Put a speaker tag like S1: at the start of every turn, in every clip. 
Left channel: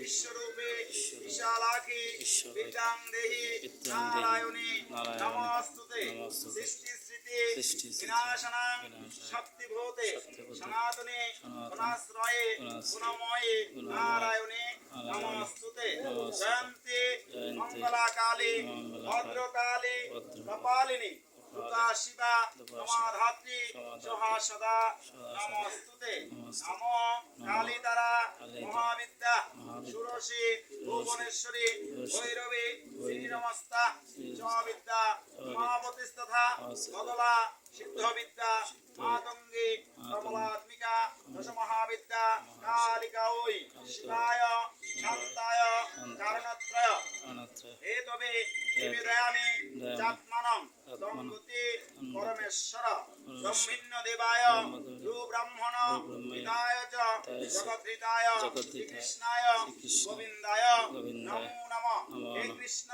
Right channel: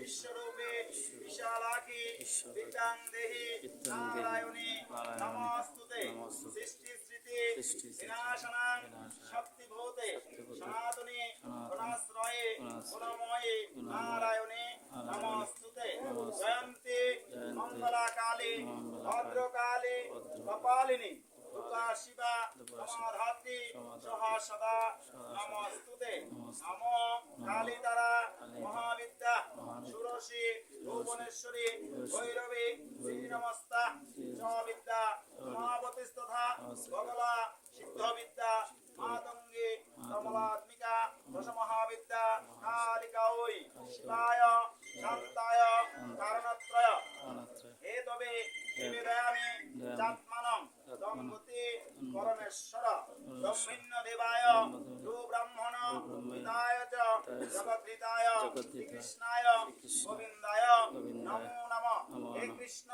S1: বিশ্বরূপে বিশালাখি বিদ্যাং দেহি নারায়ণী নমস্তুতে সৃষ্টি স্মৃতি বিনাশনাং শক্তিভূতে সনাতনে গুণাশ্রয়ে গুণময়ে নারায়ণে নমস্তুতে জয়ন্তি মঙ্গলাকালী ভদ্রকালী কপালিনী দুর্গা শিবা সমাধাত্রী সহা সদা নমস্তুতে নম কালী দ্বারা মহাবিদ্যা ভুবনেশ্বরী ভৈরবী শ্রী নমস্তা চ বিদ্যা মহাবতীস্তথা বদলা সিদ্ধবিদ্যা মাতঙ্গী কমলাত্মিকা দশ মহাবিদ্যা কালিকা ওই শিবায় শান্তায় কারণত্রয় হে তবে নিবেদয়ামি চাত্মানং দম্পতি পরমেশ্বর ব্রহ্মিণ্য দেবায় ব্রাহ্মণ পিতায় চ জগদ্ধিতায় শ্রীকৃষ্ণায় গোবিন্দায় নমো নমঃ। হে কৃষ্ণ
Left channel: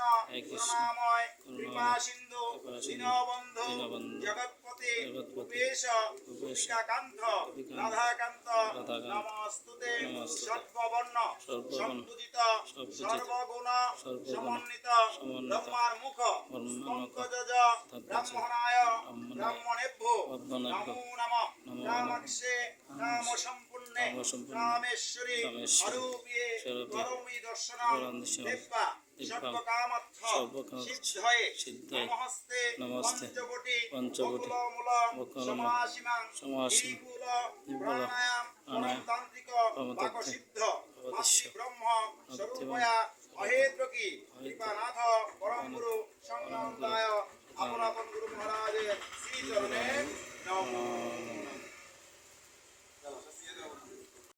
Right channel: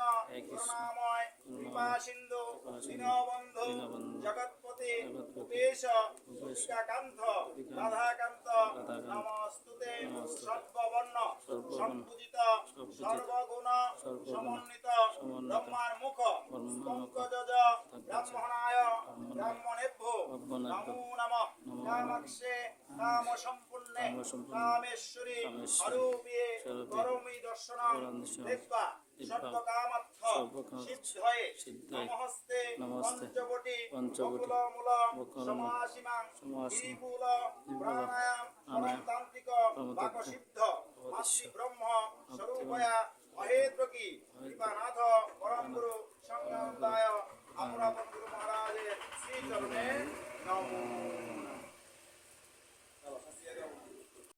S1: করুণাময় কৃপা সিন্ধু দীনবন্ধু জগৎপতি উপেশ গোপিকাকান্ত রাধাকান্ত নমস্তুতে সর্ববর্ণ সম্পূজিত সর্বগুণ সমন্বিত ব্রহ্মার মুখ ব্রাহ্মণায় ব্রাহ্মণেভ্য নমো নমঃ। রামক্ষে রাম সম্পূর্ণে রামেশ্বরী। অরূপে করমি দর্শন দেব্বা। সর্বকামার্থ। সিদ্ধয়ে। নমস্তে। পঞ্চবটি। পঞ্চবটি। সমাসীমাং। সমাসীমূল প্রাণায়াম। পরমতান্ত্রিক। বাকসিদ্ধ মাতৃ স্বরূপয়া। অহেদ্রকি। কৃপানাথ।